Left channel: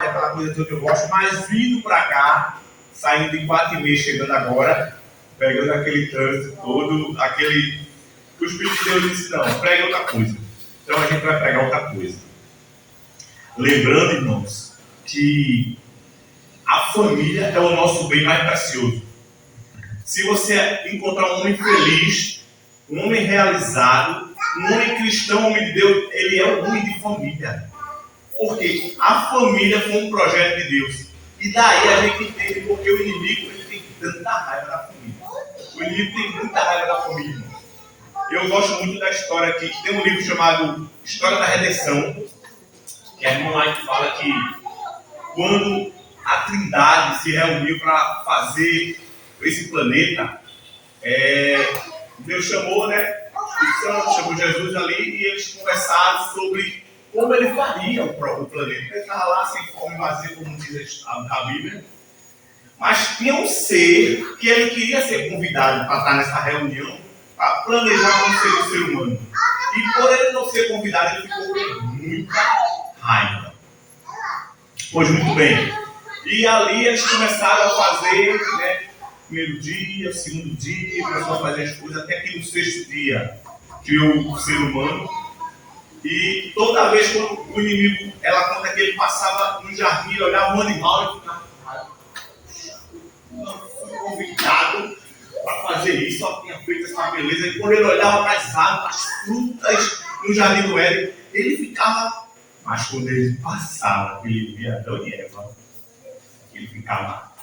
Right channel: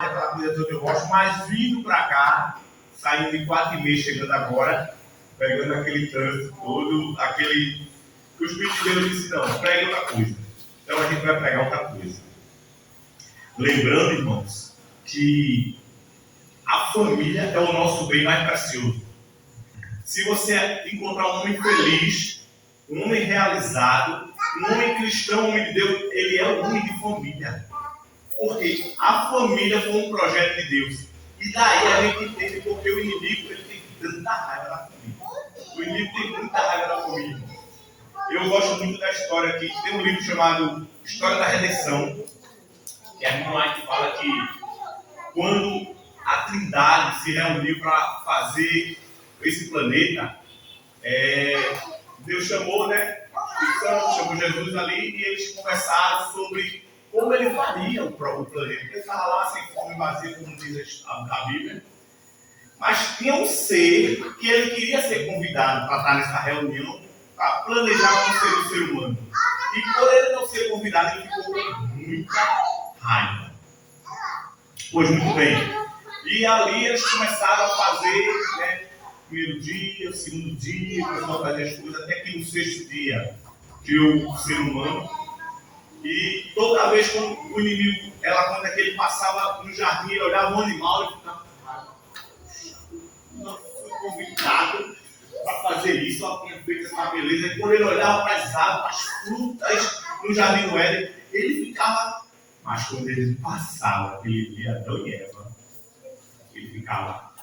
aquela coisa toda que eu gosto, mas vindo para cá, saindo de 4h30, chegando agora, pegando aquele trânsito todo, aquele que o Espírito de Deus disse, não, pregue outra coisa. Então a gente vai pregar outra coisa. Lembrando, irmãos, que a família é o nosso bem mais precioso. Se você encontrar um homem feliz, um homem realizado, um homem cristão, um homem de Deus, ele é um homem de família. Porque a família foi um projeto de Deus. E daí a gente entende porque o inimigo ele tem tanta raiva da família. O inimigo tem muita raiva da família, irmão. Eu gosto muito da história aqui, que tem um livro chamado História da Redenção, que a irmã White fala que quando a Trindade se reuniu para fazer esse planeta, Deus chamou, né? Chamou Jesus ali e eles conversaram sobre como ele faria o planeta. Ele estava lá sem forma e vazio, como diz a Bíblia. Mas tinha um ser que ele queria ser convidado para estar nessa reunião, para planejar como seria o ser humano. E por ele não ser convidado, ele ficou com muita raiva. Pois muito bem. E ali eles começaram a fazer, né, primeiro dia, segundo dia, começaram a fazer as coisas, até que no sexto dia criou o ser humano. E toda vez que o inimigo, ela conta que ele passava no jardim, ele olhava um animal e ficava, não fui convidado para fazer isso, só tinha feito essa beleza. E quando ele olhava para as árvores, as frutas no jardim do Éden, ele ficava. Mas quando ele passava, ele via Adão e Eva, ele ficava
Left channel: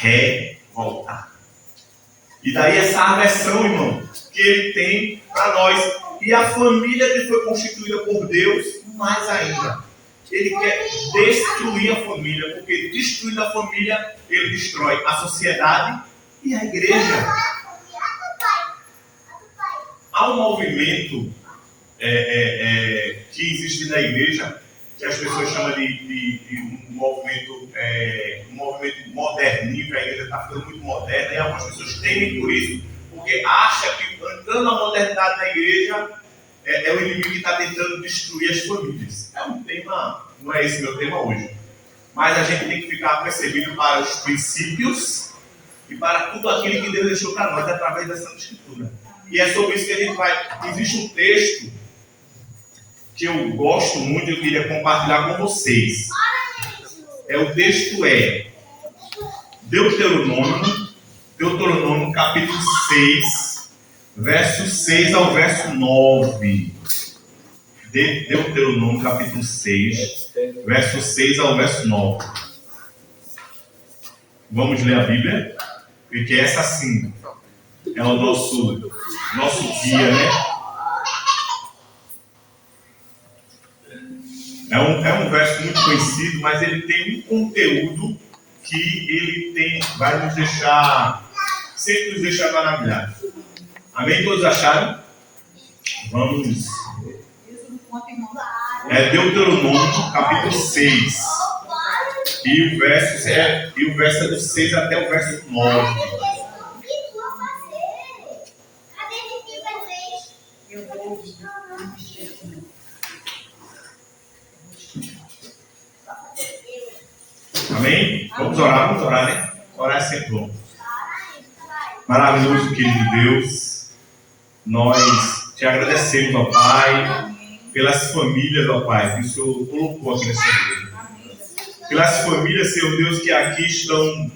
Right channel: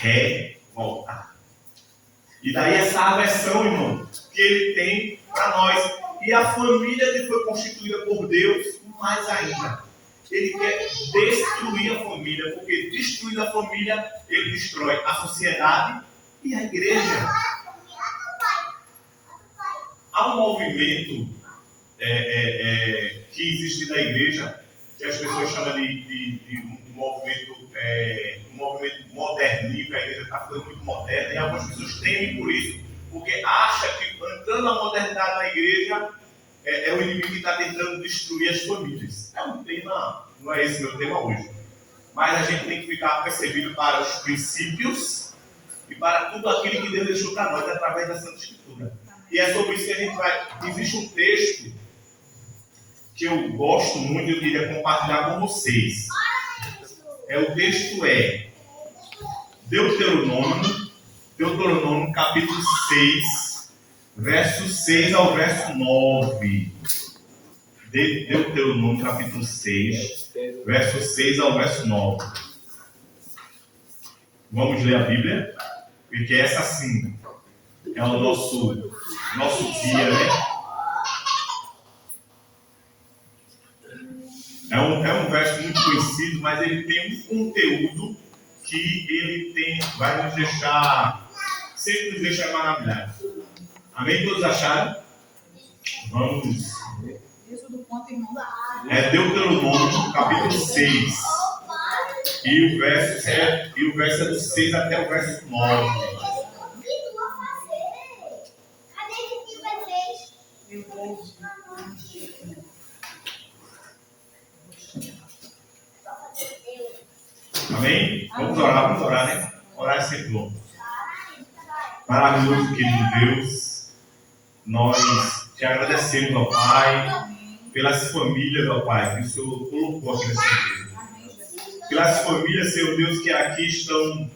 revoltado. E daí essa aversão, irmão, que ele tem para nós. E a família que foi constituída por Deus, mais ainda. Ele quer destruir a família, porque destruindo a família, ele destrói a sociedade e a igreja. Há um movimento que existe na igreja, que as pessoas chamam de um movimento moderninho, que a igreja está ficando muito moderna, e algumas pessoas temem por isso, porque acham que entrando na modernidade na igreja é o inimigo que está tentando destruir as famílias. É um tema, não é esse meu tema hoje, mas a gente tem que ficar percebido para os princípios e para tudo aquilo que Deus deixou para nós através da Santa Escritura. E é sobre isso que a gente vai. Existe um texto que eu gosto muito e eu queria compartilhar com vocês. O texto é Deuteronômio capítulo 6, verso 6 ao verso 9. Deuteronômio capítulo 6, verso 6 ao verso 9. Vamos ler a Bíblia? Porque essa sim é o nosso guia, né? É um verso muito conhecido, mas ele tem um conteúdo que vai nos deixar, sempre nos deixa maravilhados. Amém? Todos acharam? Vamos. Deuteronômio capítulo 6. E o verso é do 6 até o verso 9. Amém? Vamos orar, né? Orar é sempre bom. Maravilhoso, querido Deus, nós te agradecemos, ó Pai, pelas famílias, ó Pai, que o Senhor colocou aqui nessa igreja. Pelas famílias, Senhor Deus, que aqui estão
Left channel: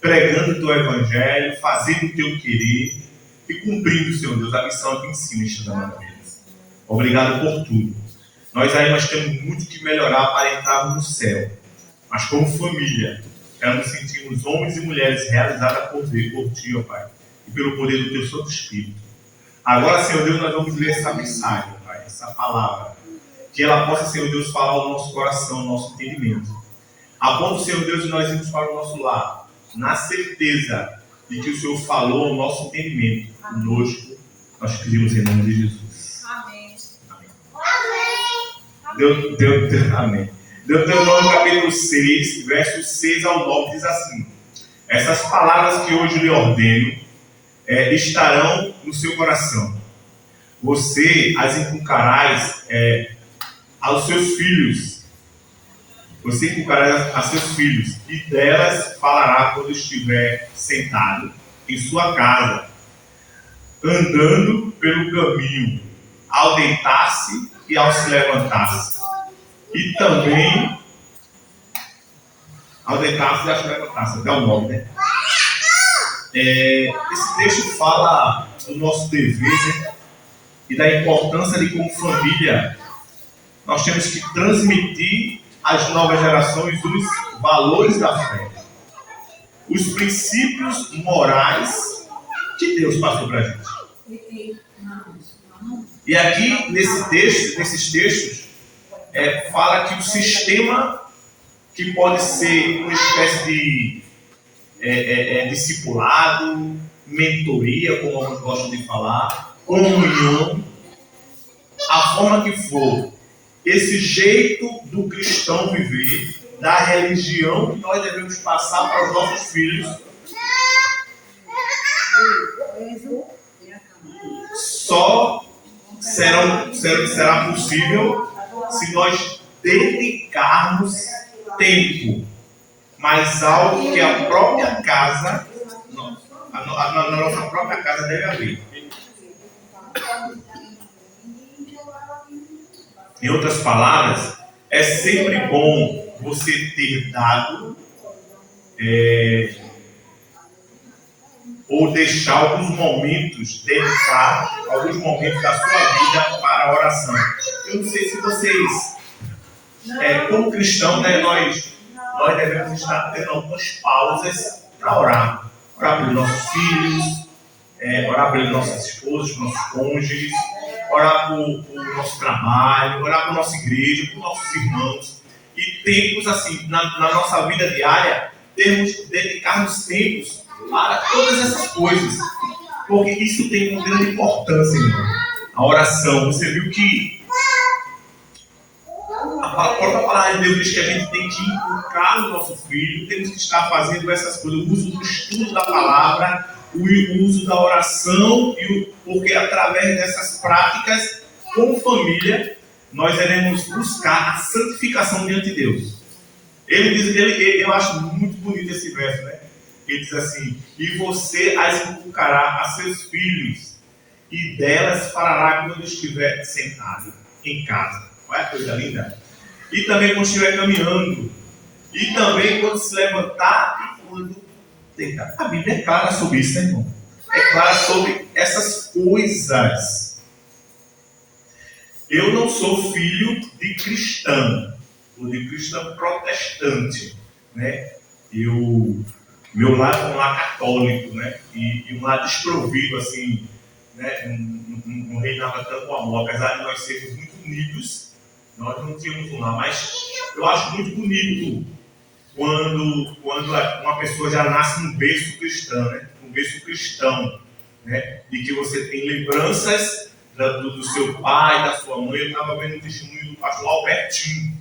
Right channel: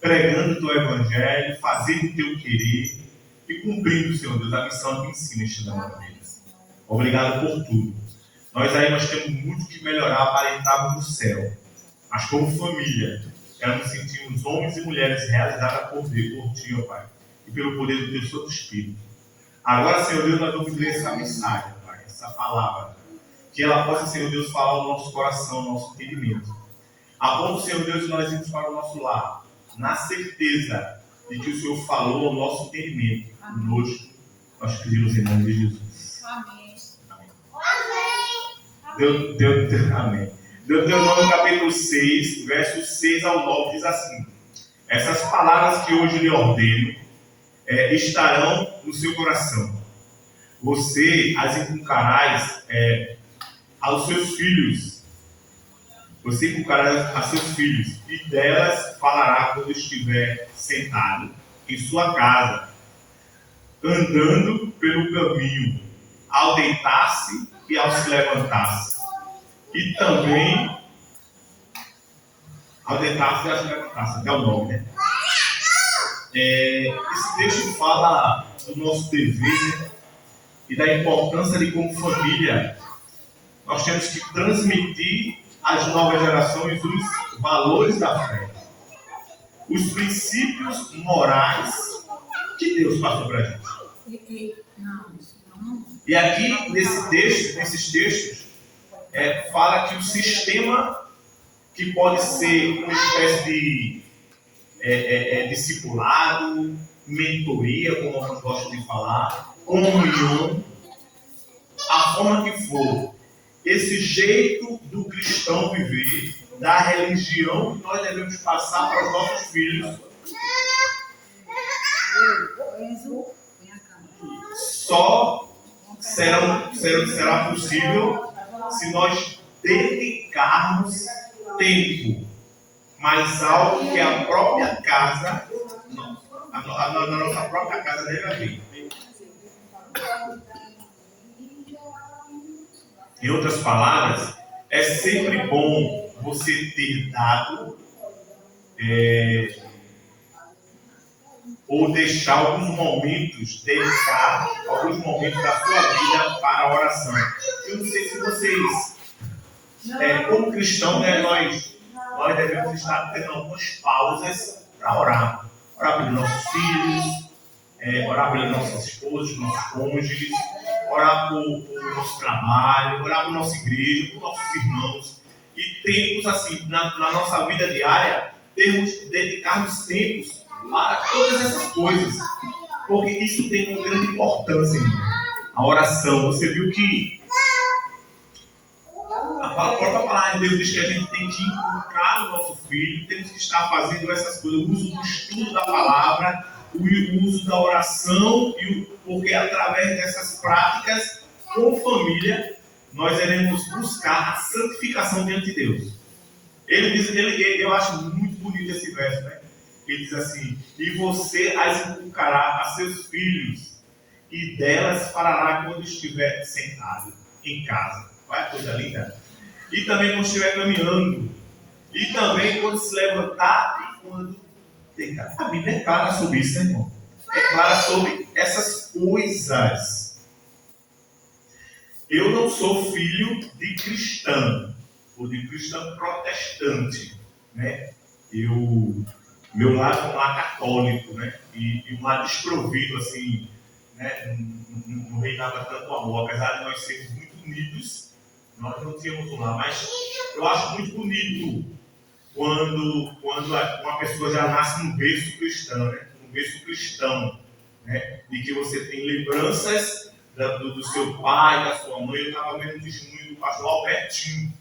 pregando o Teu Evangelho, fazendo o Teu querer e cumprindo, Senhor Deus, a missão aqui em cima, neste momento. Obrigado por tudo. Nós temos muito que melhorar para entrarmos no céu. Mas como família, quero nos sentirmos homens e mulheres realizadas por Ti, ó Pai, e pelo poder do Teu Santo Espírito. Agora, Senhor Deus, nós vamos ler essa mensagem, ó Pai, essa palavra, que ela possa, Senhor Deus, falar ao nosso coração, ao nosso entendimento. A ponto, Senhor Deus, de nós irmos para o nosso lar, na certeza de que o Senhor falou ao nosso entendimento. Conosco, nós pedimos em nome de Jesus. Amém. Amém. Deuteronômio capítulo 6, versos 6 ao 9 diz assim: essas palavras que hoje lhe ordeno estarão no seu coração. Você as inculcarás aos seus filhos Você inculcará a seus filhos, e delas falará quando estiver sentado em sua casa, andando pelo caminho, ao deitar-se e ao se levantar-se. E também ao deitar-se e ao se levantar-se, até o 9, né? Esse texto fala do nosso dever, né? E da importância de, como família, nós temos que transmitir às novas gerações os valores da fé, os princípios morais que Deus passou para a gente. E aqui, nesses textos, fala que o sistema que pode ser uma espécie de discipulado, mentoria, como eu gosto de falar, comunhão, a forma que for, esse jeito do cristão viver, da religião que nós devemos passar para os nossos filhos, só será possível se nós dedicarmos tempo, mas algo que a própria casa, na nossa própria casa deve haver. Em outras palavras, é sempre bom você ter dado ou deixar alguns momentos, dedicar alguns momentos da sua vida para a oração. Eu não sei se vocês, como cristãos, né, nós devemos estar tendo algumas pausas para orar. Orar pelos nossos filhos, orar pelas nossas esposas, nossos cônjuges, orar por nosso trabalho, orar por nossa igreja, por nossos irmãos. E tempos assim, na nossa vida diária, dedicarmos tempos para todas essas coisas. Porque isso tem uma grande importância, irmão. A oração, você viu que a própria palavra de Deus diz que a gente tem que inculcar no nosso filho, temos que estar fazendo essas coisas, o uso do estudo da palavra, o uso da oração, porque através dessas práticas, como família, nós iremos buscar a santificação diante de Deus. Eu acho muito bonito esse verso, né? Ele diz assim: e você as inculcará a seus filhos, e delas falará quando estiver sentado em casa. Olha que coisa linda! E também quando estiver caminhando, e também quando se levantar e quando deitar. A Bíblia é clara sobre isso, né, irmão? É clara sobre essas coisas. Eu não sou filho de cristão, ou de cristão protestante, né? Meu lar é um lar católico, né? E um lar desprovido, assim, né? Não reinava tanto amor, apesar de nós sermos muito unidos, nós não tínhamos um lar, mas eu acho muito bonito quando uma pessoa já nasce num berço cristão, né? Um berço cristão, né? E que você tem lembranças do seu pai, da sua mãe. Eu estava vendo o testemunho do pastor Albertinho,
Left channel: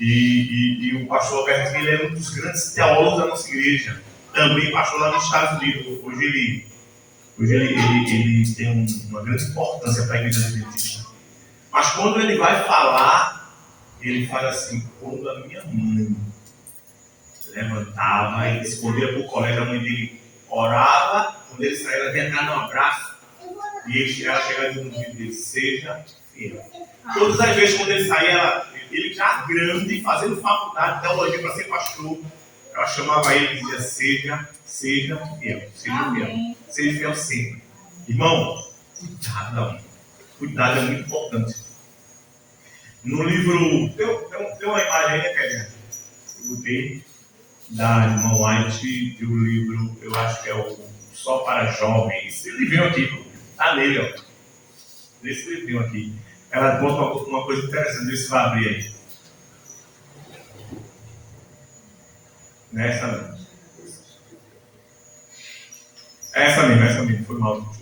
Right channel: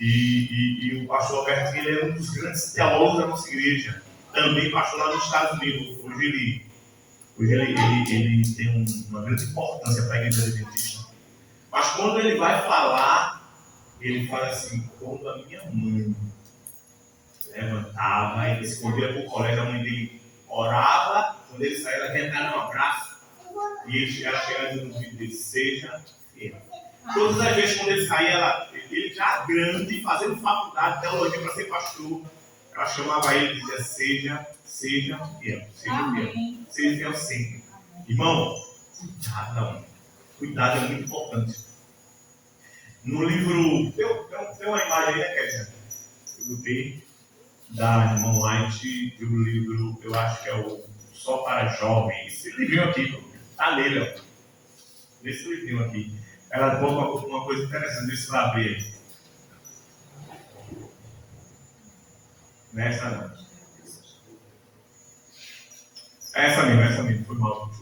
e o pastor Albertinho, ele é um dos grandes teólogos da nossa igreja, também pastor lá nos Estados Unidos. Hoje ele tem uma grande importância para a igreja adventista. Mas quando ele vai falar, ele fala assim: quando a minha mãe levantava e escondia para o colégio, a mãe dele orava, quando ele saía, ela vinha dar um abraço, e ela chegava no ouvido dele: seja fiel. Todas as vezes quando ele saía, ele já grande, fazendo faculdade de teologia para ser pastor, ela chamava ele e dizia: seja fiel, seja fiel, seja fiel sempre. Irmão, cuidado da mãe. Cuidado é muito importante. No livro, tem uma imagem aí, né, Kézia? Eu botei da irmã White, do livro, eu acho que é o Só para Jovens. Esse livrinho aqui, tá nele, ó. Nesse livrinho aqui. Ela conta uma coisa interessante, deixa eu vai abrir aí. Nessa não. Essa mesmo, foi mal.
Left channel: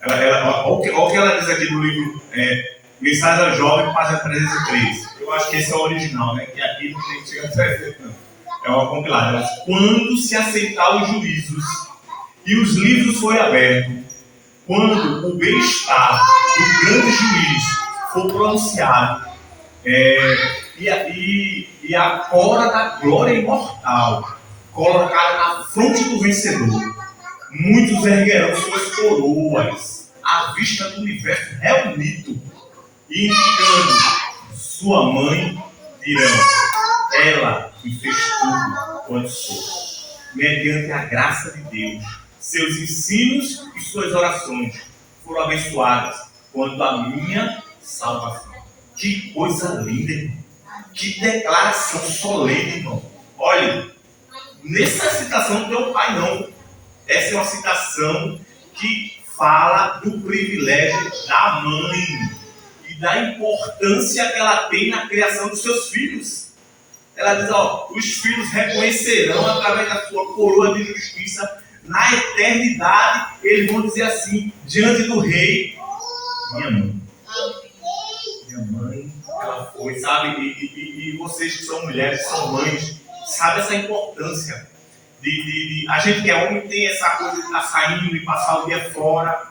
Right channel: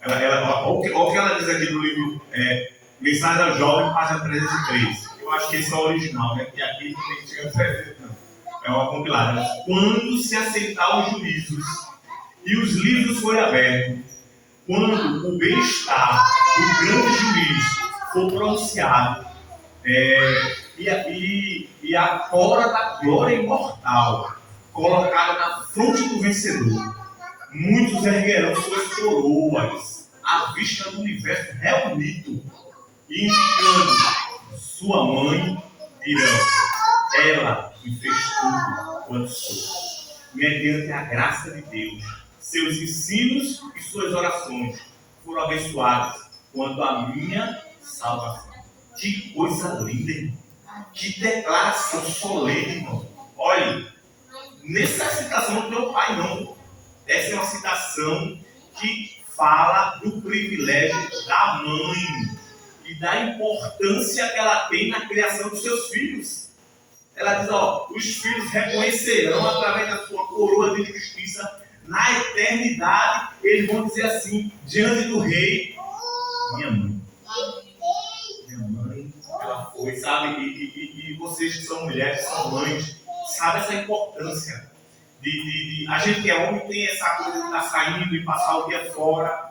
Olha o que ela diz aqui no livro, Mensagem ao Jovem, página 303. Eu acho que esse é o original, né? Que aqui não tem que chegar a 300, não. É uma compilada. Quando se aceitar os juízos e os livros forem abertos, quando o bem-estar do grande juiz for pronunciado, e a coroa da glória imortal, colocada na fronte do vencedor. Muitos erguerão suas coroas à vista do universo reunido, e indicando sua mãe, dirão: ela que fez tudo quanto sou. Mediante a graça de Deus, seus ensinos e suas orações foram abençoadas quanto à minha salvação. Que coisa linda, irmão. Que declaração solene, irmão. Olha, nessa citação não tem o pai, não. Essa é uma citação que fala do privilégio da mãe e da importância que ela tem na criação dos seus filhos. Ela diz, os filhos reconhecerão através da sua coroa de justiça na eternidade. Eles vão dizer assim, diante do rei: minha mãe. Minha mãe, ela foi, sabe? E vocês que são mulheres, são mães, sabe essa importância a gente que é homem tem essa coisa de estar saindo e passar o dia fora,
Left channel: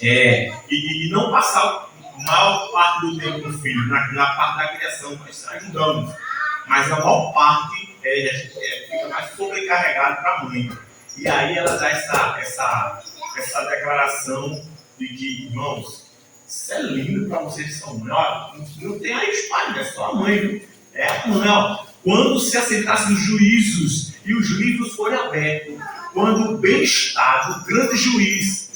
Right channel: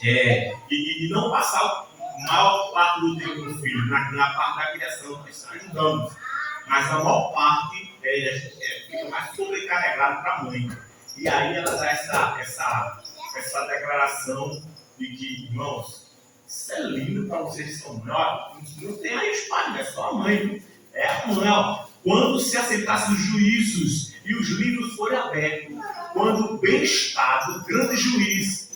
e não passar a maior parte do tempo com o filho, na parte da criação. Nós ajudamos, mas a maior parte fica mais sobrecarregado para a mãe. E aí ela dá essa declaração de que, irmãos, isso é lindo para vocês que são mães. Não tem aí os pais, não é só a mãe, viu? É a mãe, quando se assentassem os juízos e os livros forem abertos, quando o bem-estar do grande juiz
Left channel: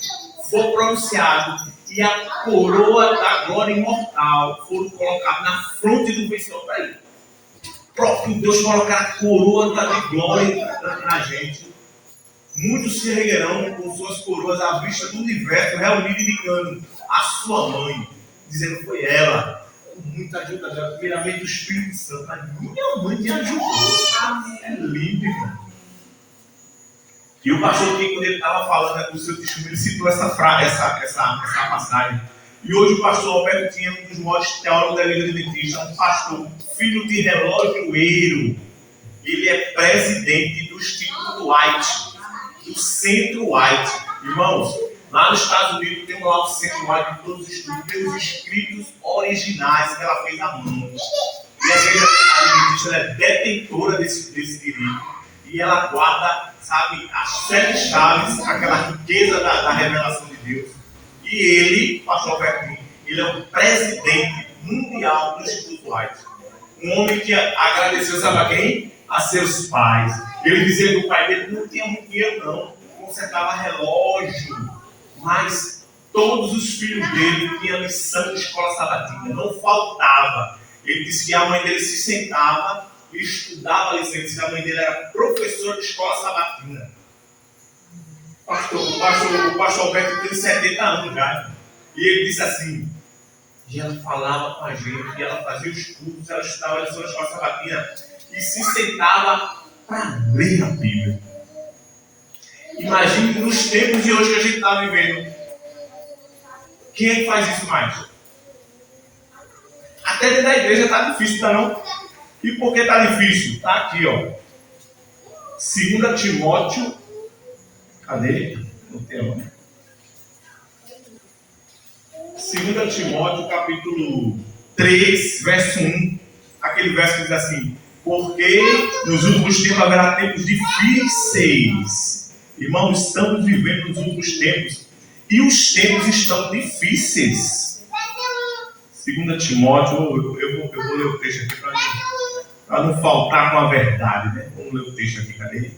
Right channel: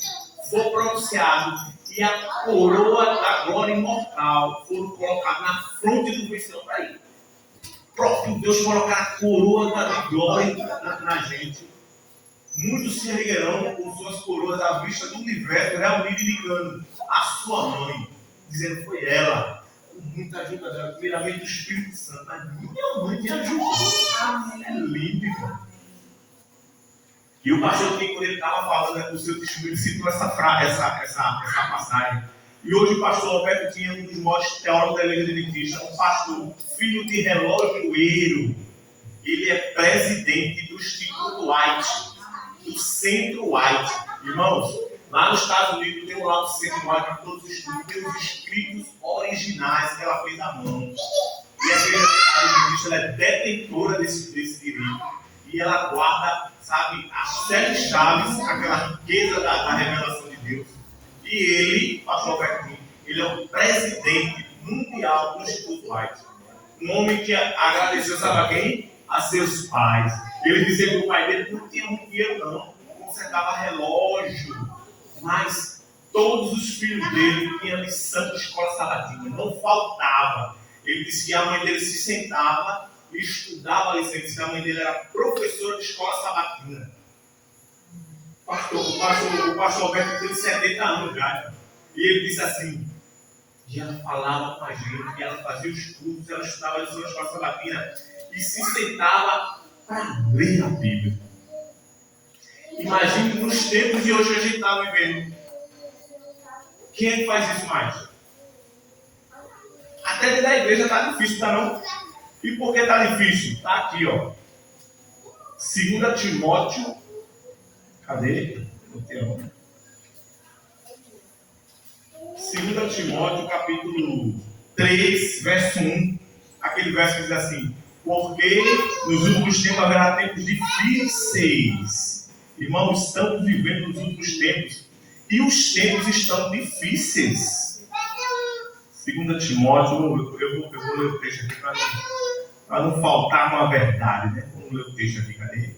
for pronunciado e a coroa da glória imortal for colocada na fronte do vencedor, para ele. O próprio Deus colocar a coroa da glória na gente. Muitos se erguerão com suas coroas à vista do universo reunido, indicando a sua mãe, dizendo: foi ela, com muita ajuda dela, primeiramente do Espírito Santo. A minha mãe me ajudou. É lindo, irmão. E o pastor Kiko, quando ele estava falando com o seu testemunho, ele citou essa passagem. E hoje o pastor Alberto tinha um dos maiores teólogos da Igreja Adventista, um pastor, filho de relojoeiro. Ele é presidente do Instituto White, do Centro White. Irmãos, lá nos Estados Unidos tem lá o Centro White de todos os estudos, tem os escritos originais que ela fez à mão. E a Igreja Adventista é detentora desse direito. E ela guarda, sabe, as 7 chaves, aquela riqueza da revelação de Deus. E ele, pastor Alberto, ele é o presidente mundial do Instituto White. Um homem que agradeceu, sabe a quem? A seus pais. Ele dizia que o pai dele não tinha muito dinheiro, não. Consertava relógio. Mas todos os filhos dele tinham lição de escola sabatina. Não faltava. Ele disse que a mãe dele se sentava e estudava a lição. Ele disse que a mãe dele era professora de escola sabatina. O pastor Alberto tem 70 anos já. E ele disse assim, e ela falava com a gente, e ela fazia os cultos, ela estudava a lição de escola sabatina e se sentava para ler a Bíblia. Imagine nos tempos de hoje que a gente está vivendo. Quem é que faz isso mais? Até dentro da igreja está difícil, tá não? E por que está difícil? Está aqui, ó. 2 Timóteo. Cadê? Não tem nome. 2 Timóteo, capítulo 3, verso 1. Aquele verso que diz assim: porque nos últimos tempos haverá tempos difíceis. Irmãos, estamos vivendo nos últimos tempos. E os tempos estão difíceis. 2 Timóteo, eu vou ler o texto aqui para não faltar com a verdade, né? Vamos ler o texto aqui, cadê?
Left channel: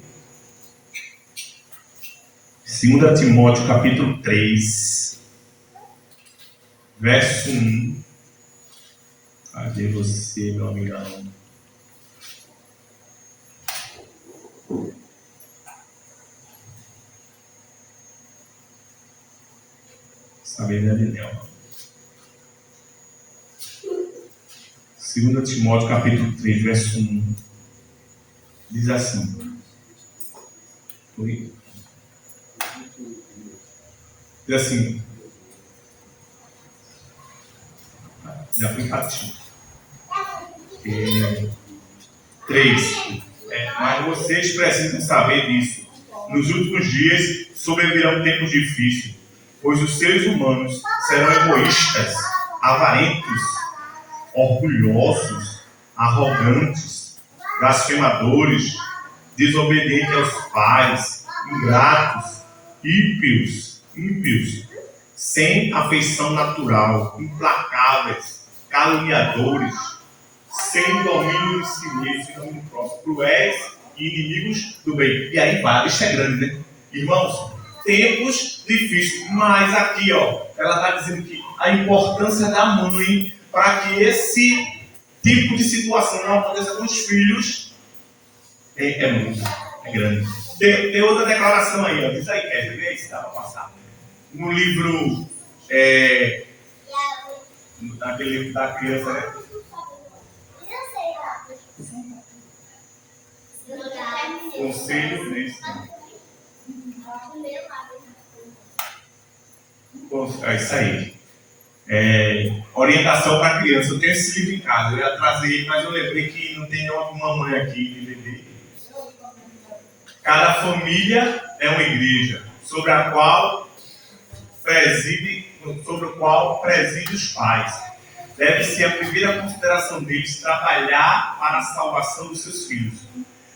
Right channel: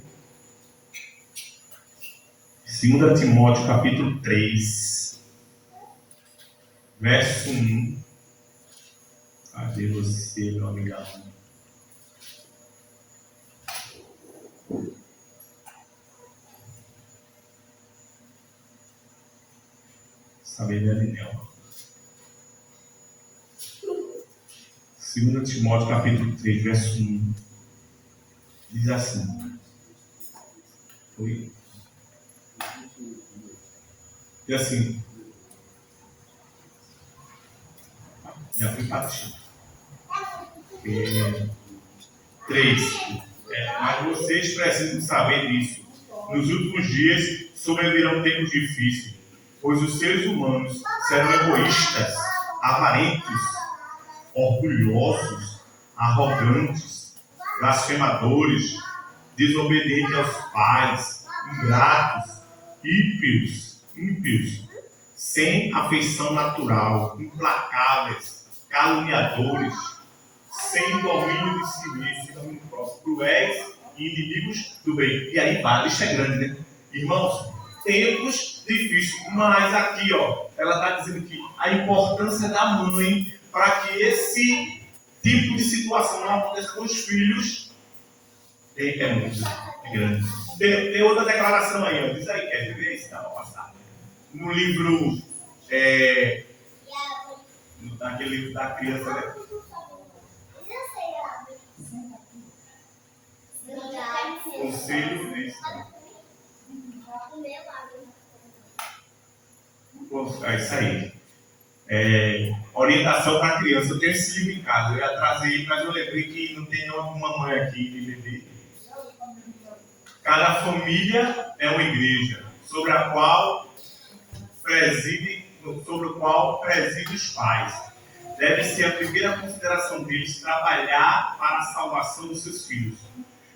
2 Timóteo, capítulo 3, verso 1. Cadê você, meu amigão? Sabedoria de Nelma. 2 Timóteo, capítulo 3, verso 1. Diz assim. Diz assim. Já fui para ti. 3. Mas vocês precisam saber disso. Nos últimos dias sobrevirão tempos difíceis, pois os seres humanos serão egoístas, avarentos, orgulhosos, arrogantes, blasfemadores, desobedientes aos pais, ingratos, ímpios, sem afeição natural, implacáveis, caluniadores, sem domínio de si mesmo, sem domínio próprio, cruéis e inimigos do bem. E aí vai, a lista é grande, né? Irmãos, tempos difíceis, mas aqui, ó, ela está dizendo que a importância da mãe para que esse tipo de situação não aconteça com os filhos é grande. Tem outra declaração aí, ó, diz aí, quer ver isso, dá para passar. No livro, naquele livro da criança, né? Conselho, né? É isso aí. Orientação para criança. Eu tenho esse livro em casa. Eu ia trazer ele, mas eu lembrei que não tem nenhuma mamãe aqui de bebê. Cada família é uma igreja, sobre o qual preside os pais. Deve ser a primeira consideração deles trabalhar para a salvação dos seus filhos.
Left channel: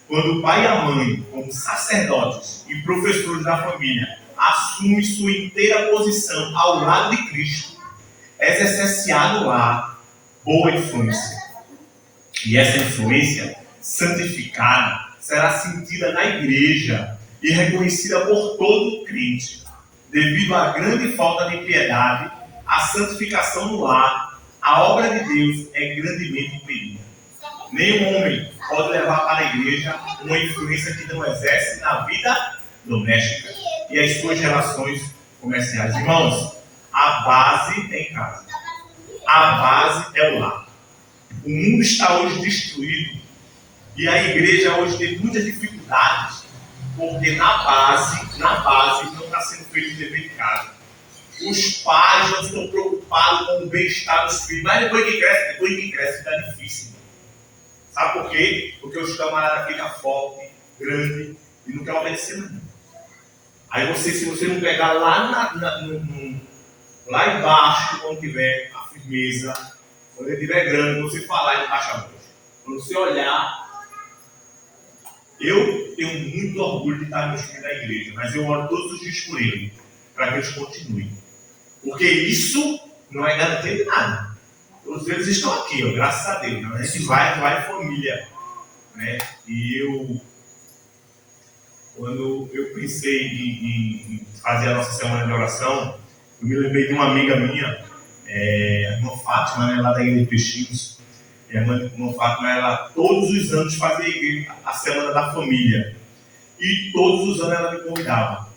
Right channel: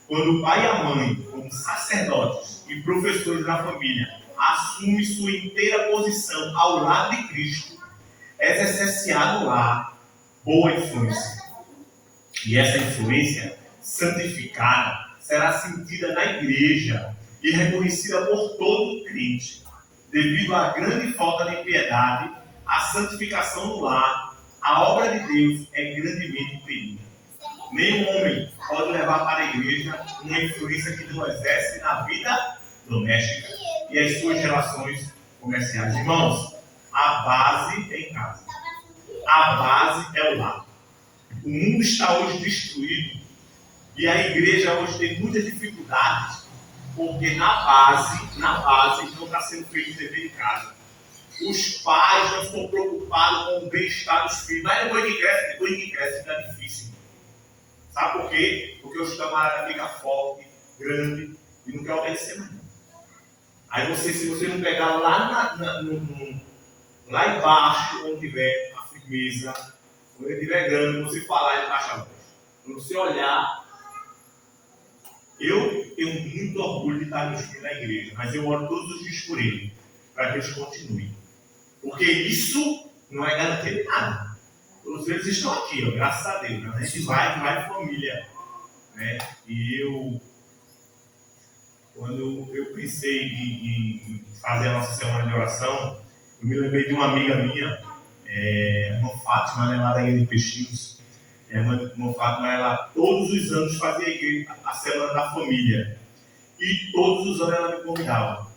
Quando o pai e a mãe, como sacerdotes e professores da família, assumem sua inteira posição ao lado de Cristo, exerce-se-á no lar boa influência. E essa influência santificada será sentida na igreja e reconhecida por todo crente. Devido à grande falta de piedade, a santificação no lar, a obra de Deus é grandemente impedida. Nenhum homem pode levar para a igreja uma influência que não exerce na vida doméstica e as suas relações comerciais. Irmãos, a base é em casa. A base é o lar. O mundo está hoje destruído e a igreja hoje tem muitas dificuldades porque na base não está sendo feito o dever de casa. Os pais não estão preocupados com o bem-estar dos filhos, mas depois que cresce fica difícil. Sabe por quê? Porque os camaradas ficam fortes, grandes e não querem obedecer mais. Aí se você não pegar lá lá embaixo, quando tiver a firmeza, quando ele estiver grande, você falar, ele baixa a voz. Quando você olhar, eu tenho muito orgulho de estar no filhos da igreja, mas eu oro todos os dias por ele, para que eles continuem. Porque isso não é garantia de nada. Todos eles estão aqui, ó, graças a Deus. Né? A gente vai em família. Né? E quando eu pensei em fazer a nossa semana de oração, eu me lembrei de uma amiga minha, a irmã Fátima, né, lá da Igreja de Peixinhos. A irmã Fátima, ela todos os anos fazia a semana da família. E todos os anos ela me convidava.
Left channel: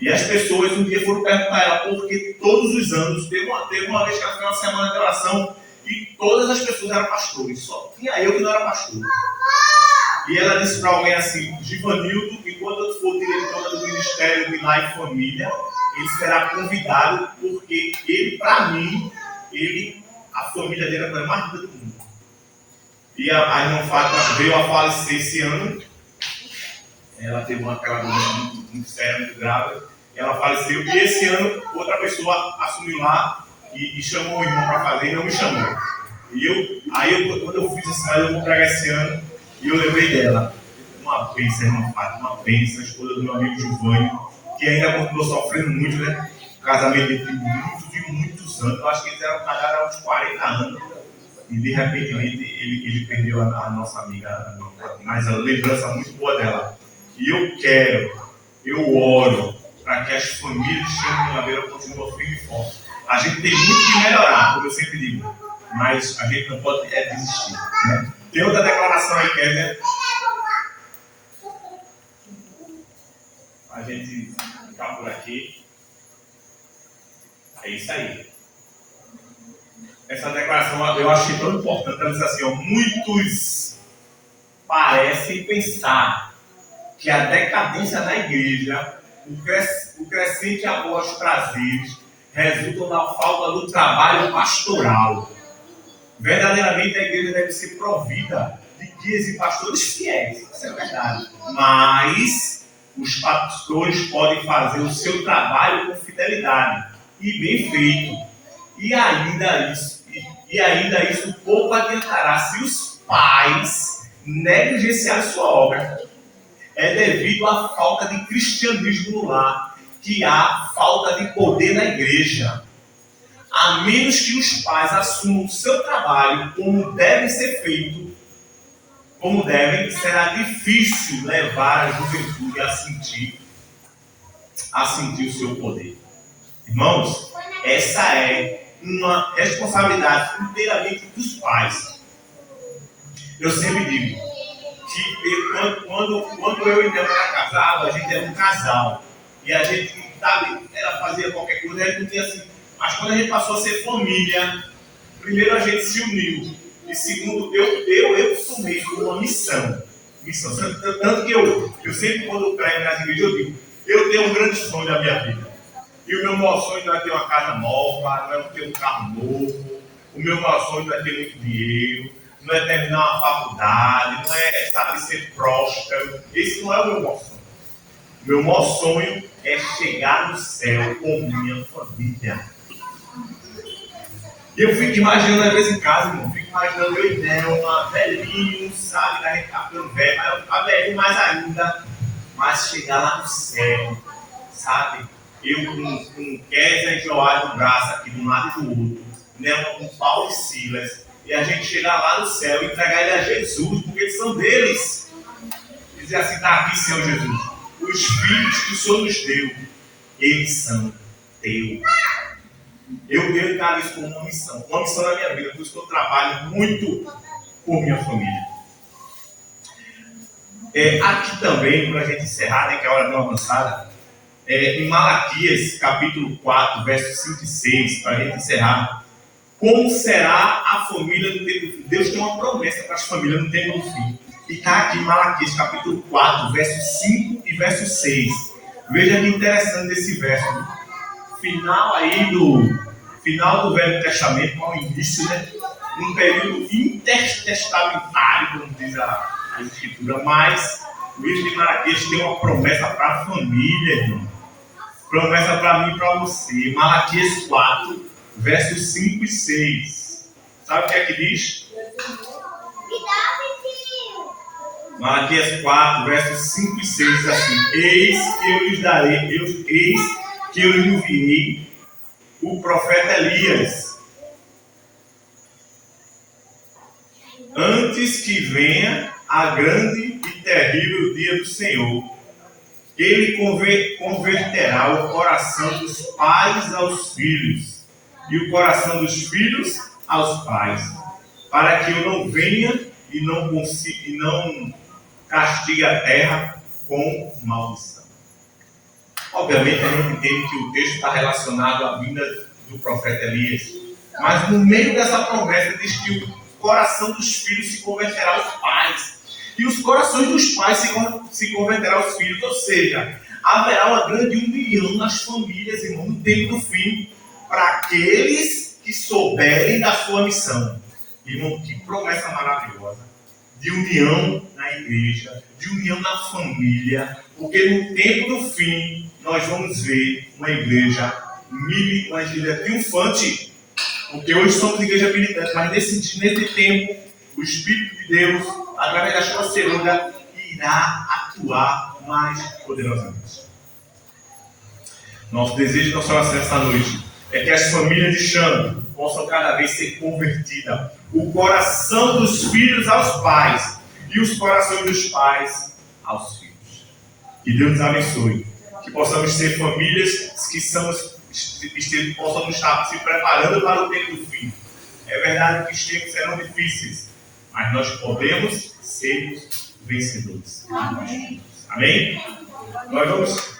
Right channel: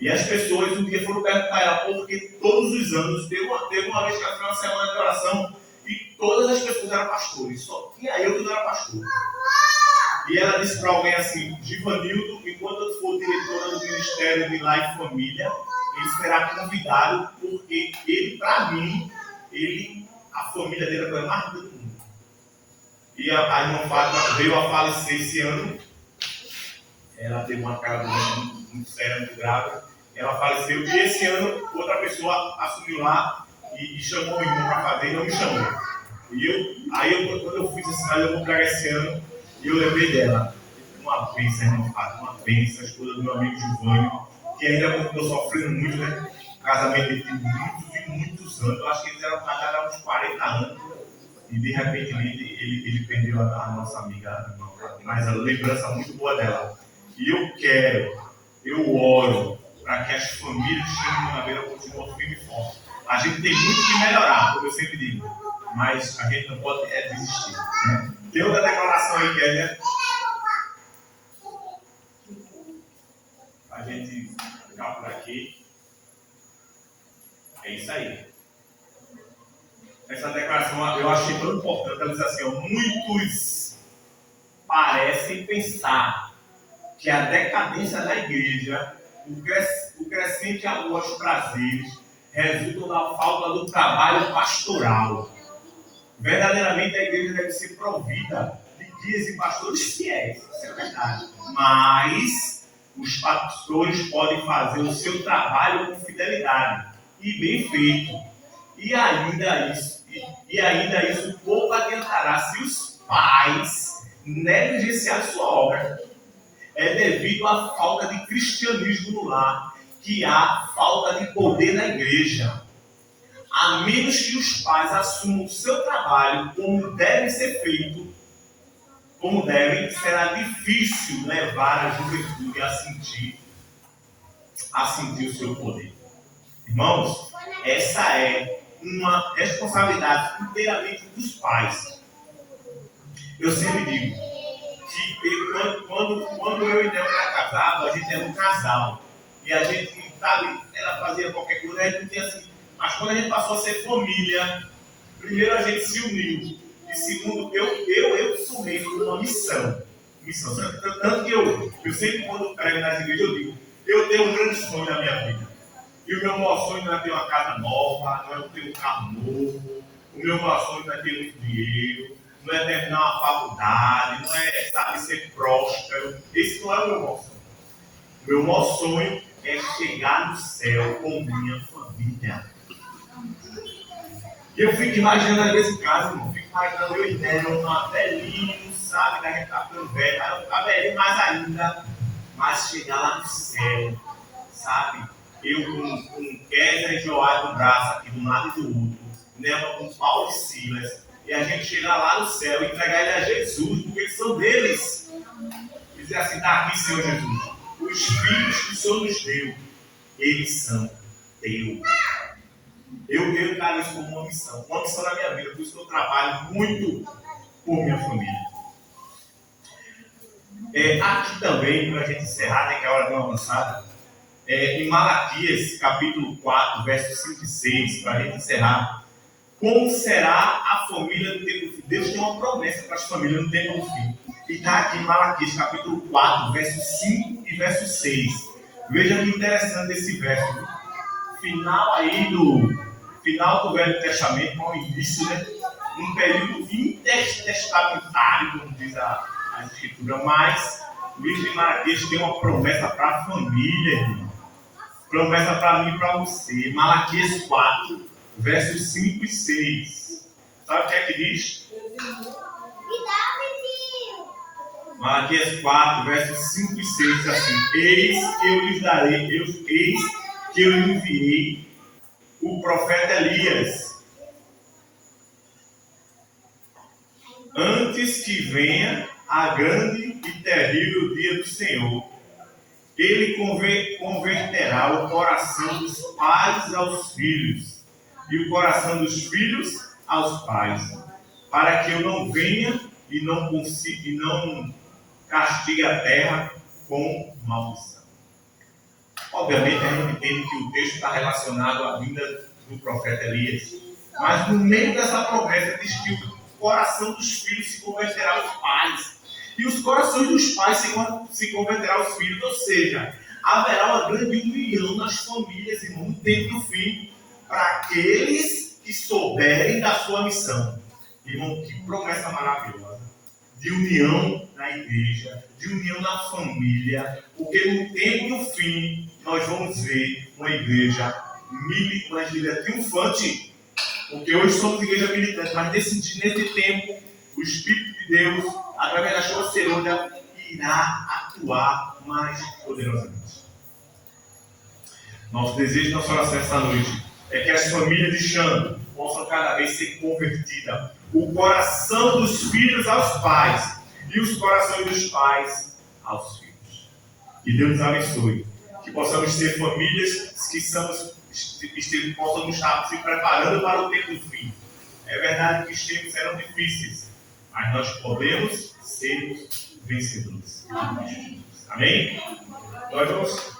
E as pessoas um dia foram perguntar a ela, porque todos os anos, teve uma vez que ela fez uma semana de oração e todas as pessoas eram pastores, só tinha eu que não era pastor. E ela disse para alguém assim, Givanildo, enquanto eu for diretora do Ministério de Lar e Família, ele será convidado, porque ele, para mim, a família dele é a coisa mais linda do mundo. E a irmã Fátima veio a falecer esse ano. Ela teve aquela doença muito séria, muito grave. Ela faleceu e esse ano outra pessoa assumiu lá e chamou o irmão para fazer e não me chamou. Quando eu fiz assim, mas eu vou pregar esse ano, e eu lembrei dela. Uma bênção, irmã Fátima, uma bênção, a esposa do meu amigo Giovanni, que ainda continuou sofrendo muito, né? O casamento dele tem muitos anos. Eu acho que eles eram casados há uns 40 anos. E de repente ele perdeu a nossa amiga, mas a lembrança muito boa dela. E eu oro para que as famílias de Chama de Madeira continuem firme e forte. A gente tem muito que melhorar, como eu sempre digo, mas a gente não pode desistir. Né? Tem outra declaração aí, Kézia? A gente ficar por aqui. É isso aí. Essa declaração eu achei tão importante. Ela diz assim, ó, muitos parecem pensar que a decadência da igreja, o crescente amor aos prazeres, resultam da falta do trabalho pastoral. Verdadeiramente a igreja deve ser provida de guias e pastores fiéis, isso é verdade. Mas os pastores podem fazer o seu trabalho com fidelidade e bem feito. E ainda isso pouco adiantará se os pais negligenciarem sua obra. É devido à falta de cristianismo no lar que há falta de poder na igreja. A menos que os pais assumam o seu trabalho como deve ser feito, como devem, será difícil levar a juventude a sentir o seu poder. Irmãos, essa é uma responsabilidade inteiramente dos pais. Eu sempre digo que quando eu e Nel era casado, a gente era um casal. E a gente, sabe, ela fazia qualquer coisa, a gente não tinha assim. Mas quando a gente passou a ser família, primeiro a gente se uniu. E segundo, eu assumi uma missão. Tanto que eu sempre, quando eu prego nas igrejas, eu digo, eu tenho um grande sonho na minha vida. E o meu maior sonho não é ter uma casa nova, não é ter um carro novo. O meu maior sonho não é ter muito dinheiro, não é terminar uma faculdade, não é, sabe, ser próspero. Esse não é o meu maior sonho. O meu maior sonho é chegar no céu com minha família. E eu fico imaginando, às vezes em casa, irmão, fico imaginando eu e Nelma, velhinho, sabe, que a gente tá ficando velho, mas eu ficar velhinho mais ainda, mas chegar lá no céu, sabe? Eu com Kézia e Joás no braço aqui, de um lado e do outro, Nelma com Paulo e Silas, e a gente chegar lá no céu e entregar ele a Jesus, porque eles são deles. Dizer assim, tá aqui, Senhor Jesus, os filhos que o Senhor nos deu, eles são teus. Eu encaro isso como uma missão na minha vida, por isso que eu trabalho muito por minha família. Aqui também, para a gente encerrar, né, que é a hora de uma avançada, em Malaquias, capítulo 4, versos 5 e 6, para a gente encerrar, como será a família no tempo do fim? Deus tem uma promessa para as famílias no tempo do fim. E está aqui em Malaquias, capítulo 4, versos 5 e verso 6. Veja que interessante esse verso. Final do Velho Testamento, ao início, né? Um período intertestamentário, como diz a Escritura, mas o livro de Malaquias tem uma promessa para a família, irmão. Promessa para mim e para você. Malaquias 4, versos 5 e 6. Sabe o que é que diz? Malaquias 4, versos 5 e 6 diz assim: eis que eu lhes darei, eis que eu lhe enviei o profeta Elias, antes que venha a grande e terrível dia do Senhor. Ele converterá o coração dos pais aos filhos e o coração dos filhos aos pais, para que eu não venha e não castigue a terra com maldição. Obviamente a gente entende que o texto está relacionado à vinda do profeta Elias, mas no meio dessa promessa diz que o coração dos filhos se converterá aos pais e os corações dos pais se converterão aos filhos, ou seja, haverá uma grande união nas famílias, irmão, no tempo do fim, para aqueles que souberem da sua missão. Irmão, que promessa maravilhosa de união na igreja, de união na família, porque no tempo do fim nós vamos ver uma igreja triunfante, porque hoje somos igreja militante, mas nesse tempo o Espírito de Deus, através da sua cerimônia, irá atuar mais poderosamente. Nosso desejo, nossa oração esta noite é que as famílias de Xana possam cada vez ser convertidas, o coração dos filhos aos pais e os corações dos pais aos filhos. Que Deus nos abençoe, que possamos ser famílias que possamos estar se preparando para o tempo do fim. É verdade que os tempos serão difíceis, mas nós podemos ser vencedores. Amém? Nós vamos